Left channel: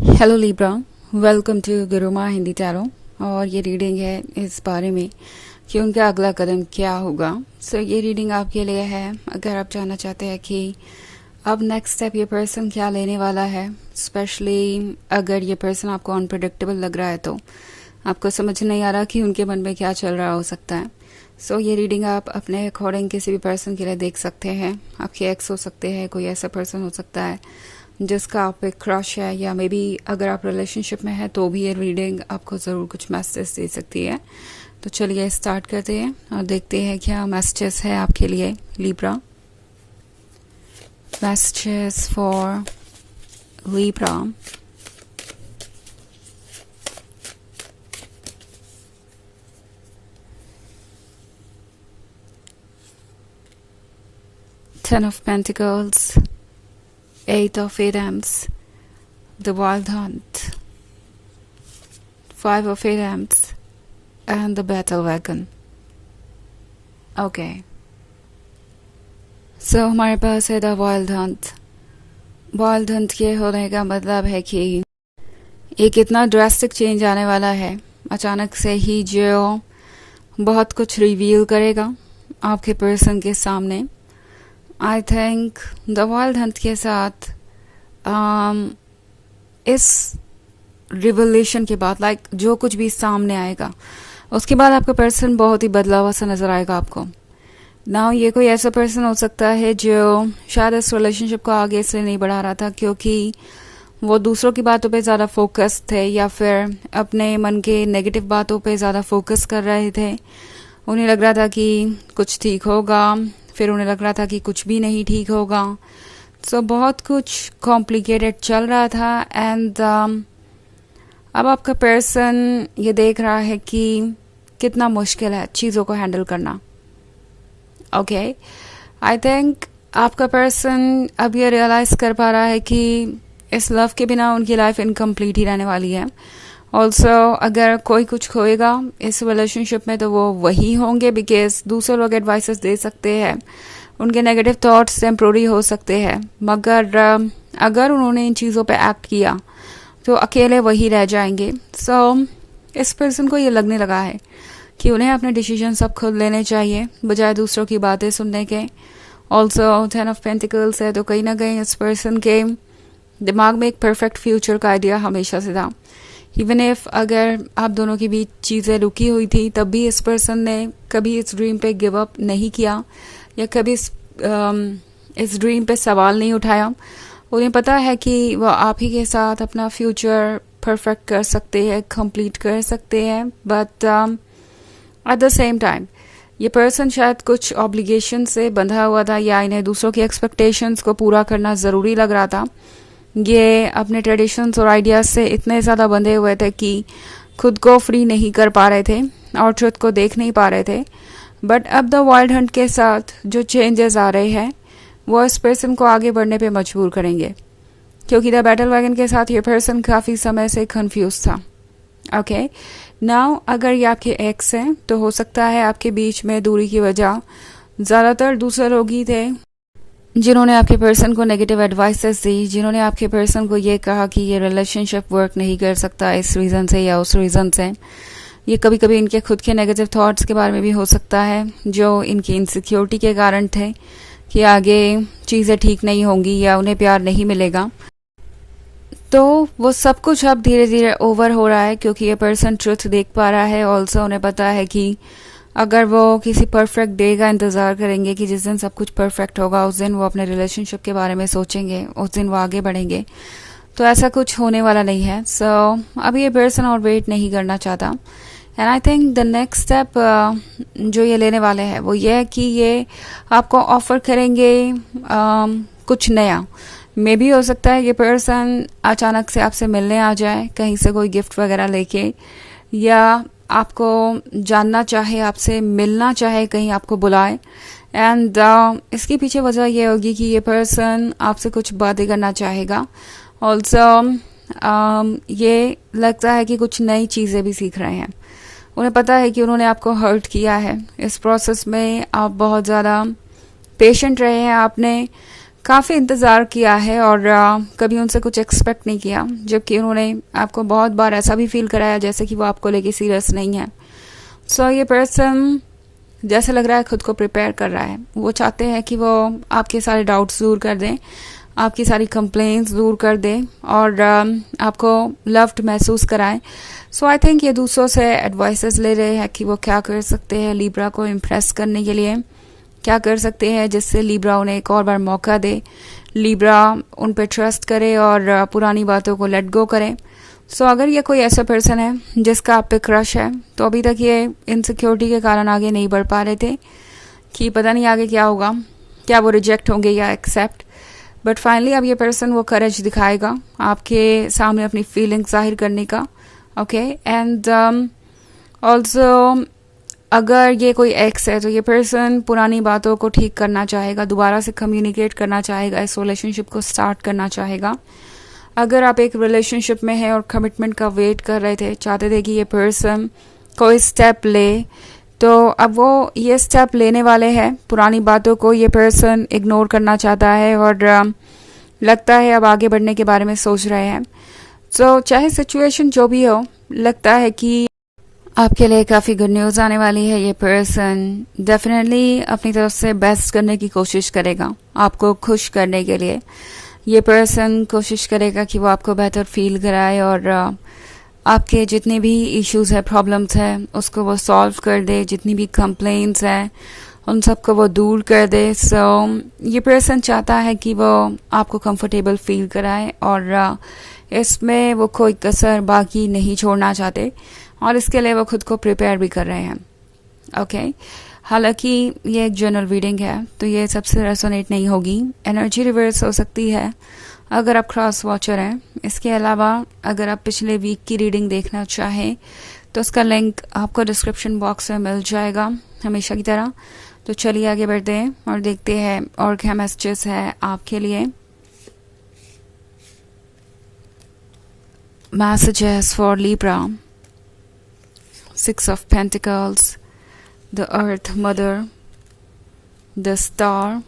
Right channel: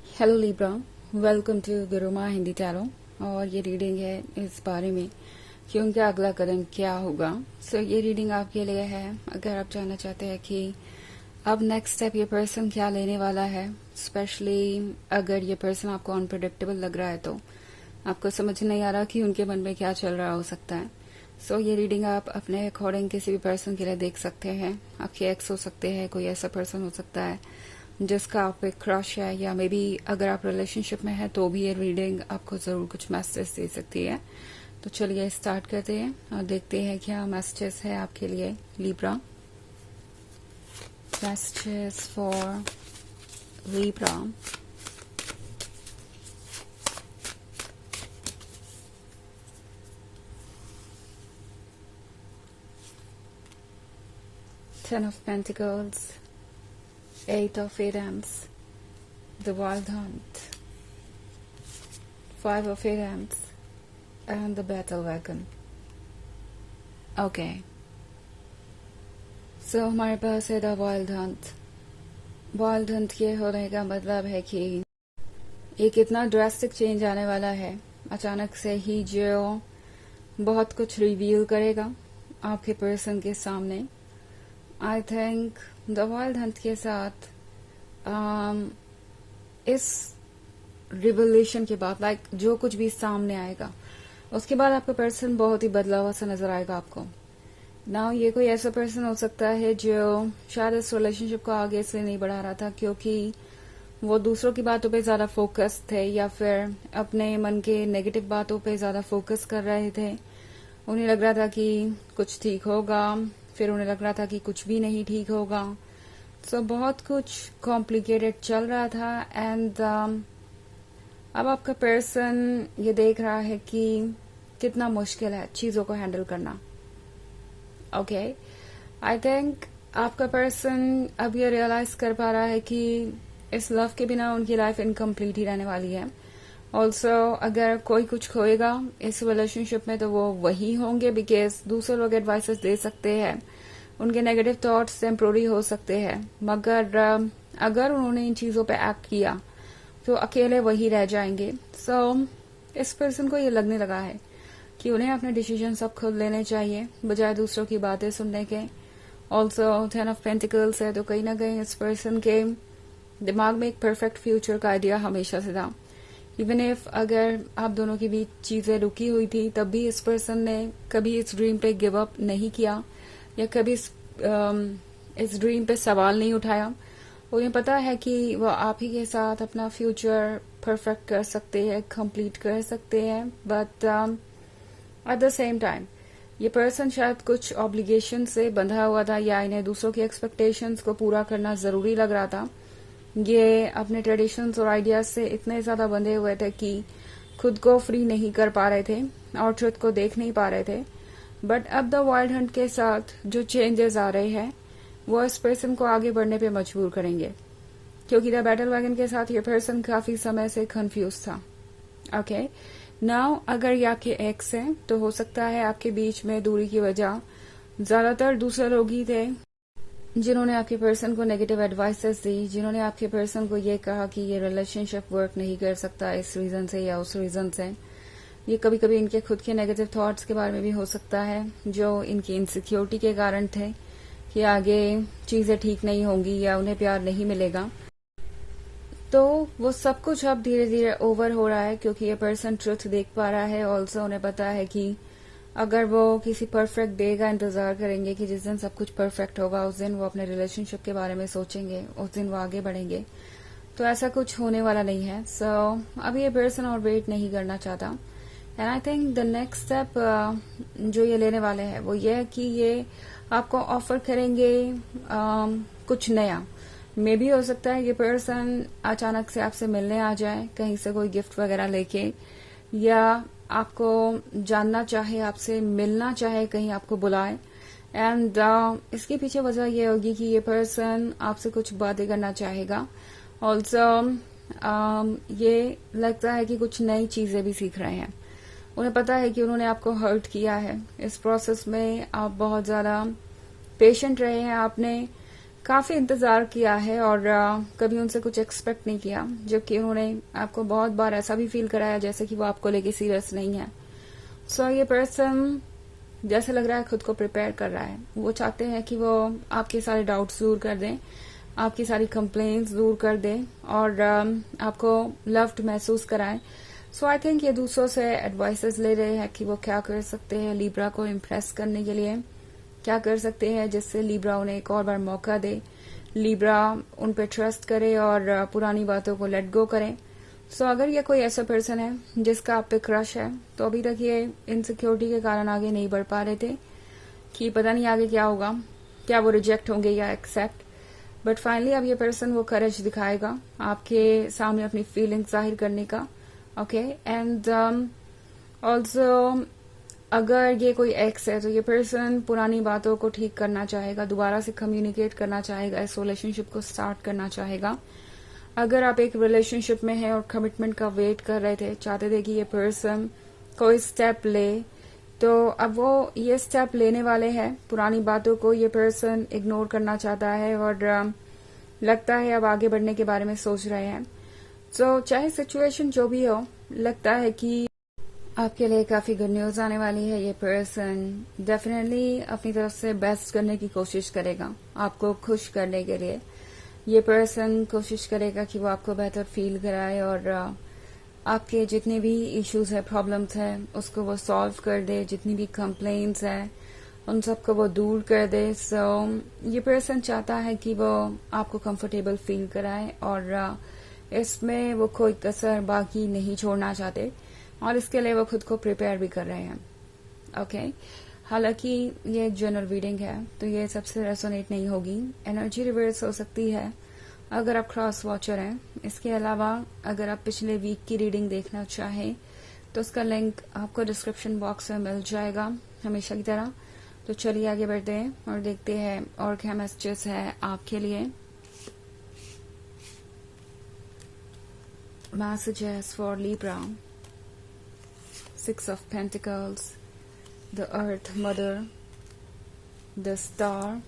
Hello Libra, welcome to Guruma Hindi tarot. और ये reading है इस बारे में कि उनका अगला कदम क्या होगा। ये रीडिंग आपके लिए है अगर आप जानना चाहते हैं कि अब नेक्स्ट स्टेप ये पर्सन क्या लेने वाला है। स्पेशली अगर ये पर्सन आपको अनप्रेडिक्टेबल लग रहा है तो आपको समझ नहीं आ रहा कि उनके मन में क्या चल रहा हो सकता है। ये रीडिंग आप अपने अकॉर्डिंग किसी भी पर्सन के लिए देख सकते हैं। आपके एक्स हो सकते हैं, कोई ऐसा पर्सन हो सकता है जिसका आप पे क्रश है, या मे बी अगर आप रिलेशनशिप में हैं तो भी ये रीडिंग आपको ज़रूर कुछ मैसेज दे सकती है। तो चलिए स्टार्ट करते हैं और देखते हैं क्या मैसेजेस है आपके लिए Libra. Messages for Libra. Ten of Pentacles, Eight of Wands, the Wild Hunt, Five of Wands, and the Battle Wagon. Okay. हमारे पास है the wild Hunt. Wild Hunt के होने का मतलब है कि एक इतना ड्रास्टिक चेंज आने वाला है अचानक से ही, जो बहुत कुछ रिवील करेगा आपके पर्सन के सामने। I think the wild Hunt के साथ इस रिवलेशन के बाद जो कुछ भी सामने आएगा उसके बाद आपका पर्सन बहुत ही बदला हुआ सा नजर आएगा आपको। नाउ ये कोई ऐसा पर्सन हो सकता है जो शायद इस रिलेशनशिप को आगे इसलिए नहीं बढ़ा रहा था क्योंकि वो दूसरों की बातों पे ज़्यादा फोकस थे, या फिर अपने मन के नेगेटिव बातों पे ज़्यादा फोकस कर रहे थे। उन्हें लग रहा था कि कुछ ठीक होगा, फिर उन्हें लग रहा था कि कुछ भी नहीं ठीक होगा। बहुत कुछ कॉम्प्लिकेटेड चल रहा था। एंड अब आपका पर्सन ये देख रहा है कि कितना मुश्किल है चीज़ों को हैंडल करना। ओके, आई थिंक आपका पर्सन अब ये रियलाइज़ कर पा रहा है कि इस लव के बिना उनकी लाइफ इनकम्प्लीट ही रहने वाली है। ऑल्सो अगर कोई कुछ खोएगा इस रिलेशनशिप में तो वो वही होंगे, बिकॉज दूसरे लोग एडवाइसेस दे सकते हैं, उनके नेगेटिव थॉट्स टेम्प्रोरी हो सकते हैं, मगर अगर उन्होंने इन चीज़ों पे एक्ट किया तो अकेले वही रह जाएंगे। इस पर्सन को ये लगने लगा है कि उन्हें अपने डिसीजन सब खुद लेने चाहिए बजाय दूसरों की बातें सुनने के। ऑल्सो 10 ऑफ पेंटिकल्स है, तो कहीं ना कहीं इस पर्सन के दिमाग में एक परफेक्ट फ्यूचर का आइडिया हमेशा से था। इवन इफ अगर आप दोनों के बीच चीज़ें रुकी हुई थी तब भी इस पर्सन ने कभी इस ड्रीम पे गिव अप नहीं किया, या कभी इस ड्रीम पे सवाल नहीं उठाया। उन्हें पता है कि वो आप ही के साथ अपना फ्यूचर परफेक्ट कर सकते हैं, कंप्लीट कर सकते हैं। But at the same time ये पर्सन शायद कुछ ऑब्लिगेशन से बंधा हुआ था, या इन्हें दूसरों की एक्सपेक्टेशंस को पूरा करना ज़रूरी लग रहा था। ये अपने ट्रेडिशंस और आइडियाज़ से इतने ज़्यादा बंधे हुए थे कि खुद को फ्री नहीं कर पा रहे थे और ट्रुथ को देख नहीं पा रहे थे। बट अब द वाइल्ड हंट के साथ जो चेंजेस आ रहे हैं वो इस पर्सन को आगे बढ़ने पे मजबूर करेंगे, क्योंकि द बैटल वैगन के साथ ये पर्सन काफ़ी समय से कंफ्यूज था। ओके, नाउ अगर ये आपके एक्स हैं तो हो सकता है आपके बीच में दूरी की वजह ज़्यादातर दूसरे लोग ही थे जिन्होंने आपके पर्सन को नेगेटिव एडवाइसेस दी, जिन्होंने आपके पर्सन को ये कहा कि ये रिलेशनशिप वर्क नहीं कर सकता इस रीज़न से या उस रीज़न से। ये कभी कभी इनके खुद के नेगेटिव थॉट्स के बारे में भी हो सकता है, जो इनकी इनसिक्योरिटी के कारण थे कि आगे चीज़ें ठीक नहीं होंगी या उन्हें प्यार नहीं मिलेगा। तो वो सब कुछ अब धीरे धीरे ओवर हो रहा है क्योंकि ये पर्सन ट्रुथ देख पा रहा है। ऑल्सो उन्हें पता है कि अगर वो किसी परफेक्ट डे का इंतज़ार करेंगे कि जिस दिन सब कुछ परफेक्ट होगा उस दिन वो अपने रिलेशनशिप के बारे में सोचेंगे, उस दिन वो आगे बढ़ेंगे, तो ऐसा कुछ होने वाला नहीं है। अभी ये पर्सन और वेट नहीं करना चाहता। And I think the next step जो ये लेने वाले हैं वो ये है कि ये आपको ऑफर करेंगे कुछ नया। मे भी हो सकता है ये पर्सन अचानक से आपसे मिलने आ जाए कहीं से कोई गिफ्ट वगैरह लेके, या आपको जानना चाहे, आपसे मिलना चाहे, कहीं आपको बुलाए। एंड इसके पीछे वजह यह होगी कि ये पर्सन आपसे कुछ बातें करना चाहेगा। ऑल्सो ये लगता है कि कुछ नई चीज़ें भी सीख रहे हैं। उन्हें पता है कि उन्होंने आपको हर्ट किया है, इस प्रोसेस में आप बहुत ज़्यादा पेशेंट रहे हैं, आपने काफ़ी इंतज़ार किया है और कभी उनसे कुछ एक्सपेक्ट नहीं किया, जबकि उन्होंने आपको बहुत बार ऐसा भी फील कराया जैसे कि वो आपको लेके सीरियस नहीं है। सो ये पर्सन जैसे लग रहा है खुद को प्रिपेयर कर रहा है। वो चाहते हैं कि वो आपके सारे डाउट्स दूर कर दें, आपकी सारी कंप्लेंट्स दूर कर दें और आपको लव्ड महसूस कराएं। सो आई थिंक ये दूसरों से एडवाइसेस ले रहे हैं कि वो क्या कर सकते हैं लिब्रा को इम्प्रेस करने के लिए, क्या कर सकते हैं जिससे लिब्रा उन्हें एक और बार मौका दे, लिब्रा उन पर ट्रस्ट करे और पुरानी बातों को लेट गो करें। सो अगर ये कोई ऐसा पर्सन है जिसका आप पे क्रश है, तो अभी तक ये इनसिक्योरिटी के कारण आगे नहीं बढ़ पा रहे थे कि पता नहीं आगे क्या होगा, क्या वो रिजेक्ट होंगे या एक्सेप्ट, बट फाइनली अब ये पर्सन वो करेज दिखाएगा आपके सामने अपनी फीलिंग्स जाहिर करने का। ओके, एंड ऑल्सो अगर ये कोई एक्स है तो ये पर्सन पुरानी बातों को ठीक करना चाहेगा, दोबारा से कम्युनिकेट करना चाहेगा, इस रिलेशनशिप को स्टार्ट करना चाहेगा। अगर आप एक रिलेशनशिप में हैं और कमिटमेंट का वेट कर रहे थे, चाहते थे कि ये पर्सन कोई स्टेप ले, तो अब वो ये स्टेप लेने वाले हैं। पुरानी बातों को ये पर्सन इग्नोर करना चाहता है और लगता है अब आगे बढ़ने के बारे में सोच रहे हैं। सो चाहे सिचुएशन जो भी हो, लगता है कि आपके लिए काफ़ी गुड न्यूज़ आने वाली है। ये पर्सन डेफिनेटली अपनी तरफ से बेस्ट करने की कोशिश करेगा आपको खुश करने के लिए। ये पर्सन कोशिश करेगा कि वो आपको बेहतर फील कराए और आपके जितने भी इश्यूज है, प्रॉब्लम्स है, उसको वो सॉल्व कर दे। जितनी भी कंप्लेंट्स हैं उन सबको वो दूर कर दे। सो ये पर्सन चाहता है कि वो आपको कंफर्टेबल फील कराए और इसमें वो कोई कसर बाकी नहीं छोड़ना चाहते और इसके लिए वो खुद को प्रिपेयर भी कर रहे हैं। ओके, हालांकि ये एक जनरल रीडिंग है तो ये सबसे रेसोनेट नहीं होगी, एनर्जी रिवर्स हो सकती है अगर आप क्रॉस वॉचर हैं। इसके अलावा अगर आप पिछले वीक की रीडिंग देखना चाहें तो उसका लिंक आपको डिस्क्रिप्शन बॉक्स में मिल जाएगा हमेशा की तरह। तो चलिए आगे बढ़ते हैं और देखते हैं और क्या मैसेजेस है आपके लिए। Messages for Libra, 6 of Pentacles, the Earth Mother, the Star,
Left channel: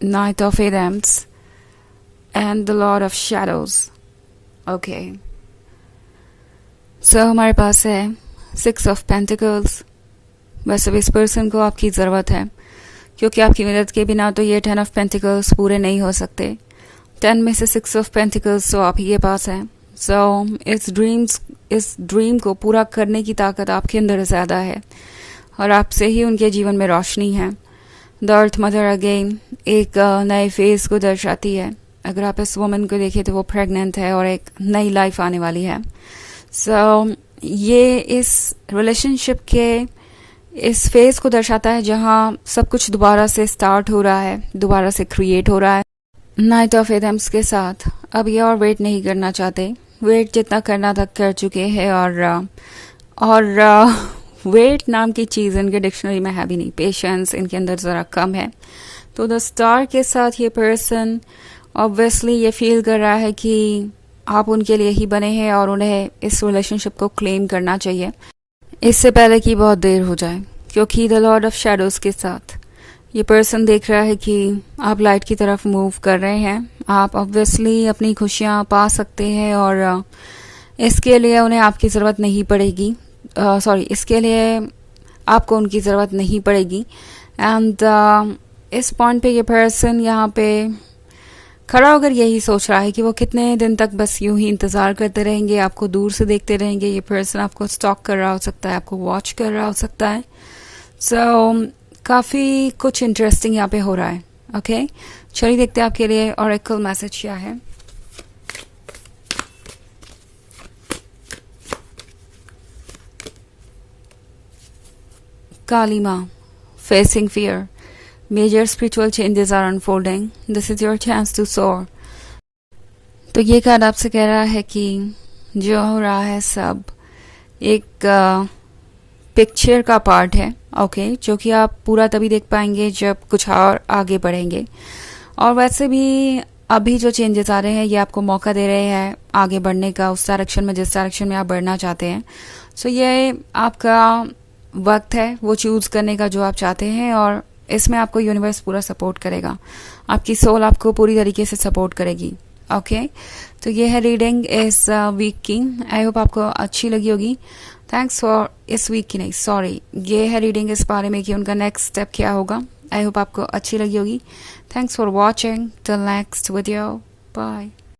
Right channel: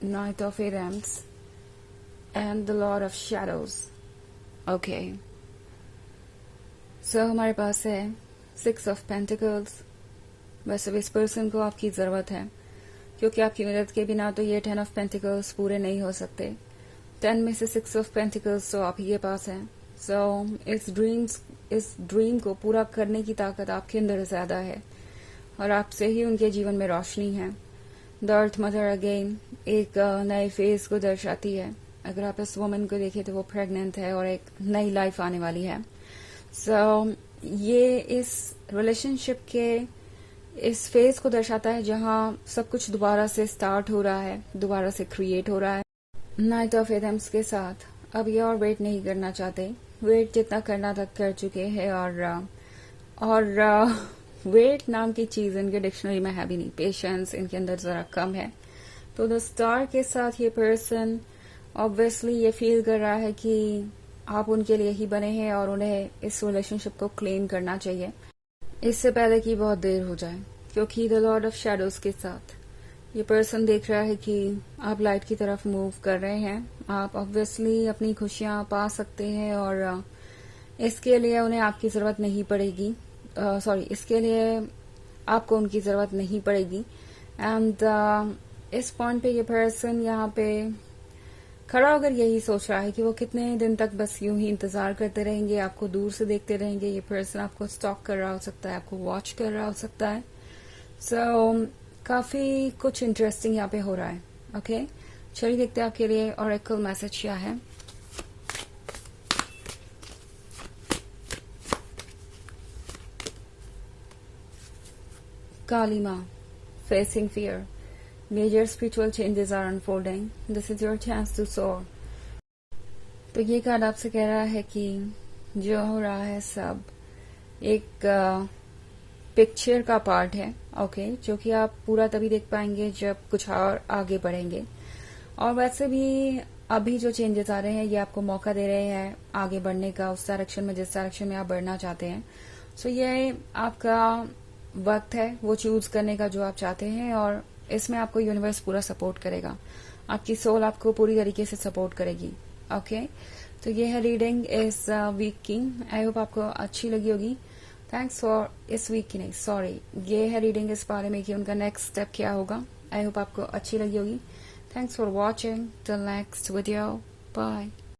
Knight of Wands, and the Lord of Shadows. Okay. So हमारे पास है 6 of Pentacles। वैसे भी इस पर्सन को आपकी ज़रूरत है क्योंकि आपकी मदद के बिना तो ये 10 of Pentacles पूरे नहीं हो सकते। 10 में से 6 of Pentacles तो आप ही के पास है। सो इस ड्रीम को पूरा करने की ताकत आपके अंदर ज़्यादा है और आपसे ही उनके जीवन में रोशनी है। द अर्थ मदर अगेन एक नए फेज़ को दर्शाती है। अगर आप इस वुमन को देखें तो वो प्रेग्नेंट है और एक नई लाइफ आने वाली है। सो ये इस रिलेशनशिप के इस फेज़ को दर्शाता है जहाँ सब कुछ दोबारा से स्टार्ट हो रहा है, दोबारा से क्रिएट हो रहा है। नाइट ऑफ एडम्स के साथ अब ये और वेट नहीं करना चाहते, वेट जितना करना था कर चुके हैं और वेट नाम की चीज़ इनके डिक्शनरी में है भी नहीं, पेशेंस इनके अंदर ज़रा कम है। तो द स्टार के साथ ये पर्सन ऑब्वियसली ये फील कर रहा है कि आप उनके लिए ही बने हैं और उन्हें इस रिलेशनशिप को क्लेम करना चाहिए इससे पहले कि बहुत देर हो जाए, क्योंकि द लॉर्ड ऑफ शैडोज़ के साथ ये पर्सन देख रहा है कि आप लाइट की तरफ मूव कर रहे हैं। आप ऑब्वियसली अपनी खुशियाँ पा सकते हैं और इसके लिए उन्हें आपकी ज़रूरत नहीं पड़ेगी, इसके लिए आपको उनकी ज़रूरत नहीं पड़ेगी। एंड इस पॉइंट पे ये पर्सन यहाँ पे खड़ा होकर यही सोच रहा है कि वो कितने दिन तक बस यूं ही इंतज़ार करते रहेंगे, आपको दूर से देखते रहेंगे। ये पर्सन आपको स्टॉक कर रहा हो सकता है, आपको वॉच कर रहा हो सकता है। सो काफ़ी कुछ इंटरेस्टिंग यहाँ पे हो रहा है। ओके, चलिए देखते हैं आपके लिए ऑरेकल मैसेज क्या है। काली माँ, facing fear, major spiritual changes are unfolding, this is your chance to soar। तो ये कार्ड आपसे कह रहा है कि जो हो रहा है सब एक पिक्चर का पार्ट है। ओके, जो कि आप पूरा तभी देख पाएंगे जब कुछ और आगे बढ़ेंगे। और वैसे भी अभी जो चेंजेस आ रहे हैं ये आपको मौका दे रहे हैं आगे बढ़ने का, उस डायरेक्शन में जिस डायरेक्शन में आप बढ़ना चाहते हैं। सो ये आपका वक्त है वो चूज़ करने का जो आप चाहते हैं और इसमें आपको यूनिवर्स पूरा सपोर्ट करेगा। आपकी सोल आपको पूरी तरीके से सपोर्ट करेगी। ओके, तो ये है रीडिंग इस वीक की। आई होप आपको अच्छी लगी होगी। थैंक्स फॉर इस वीक की नहीं, सॉरी, ये है रीडिंग इस बारे में कि उनका नेक्स्ट स्टेप क्या होगा। आई होप आपको अच्छी लगी होगी। Thanks for watching till next video, bye.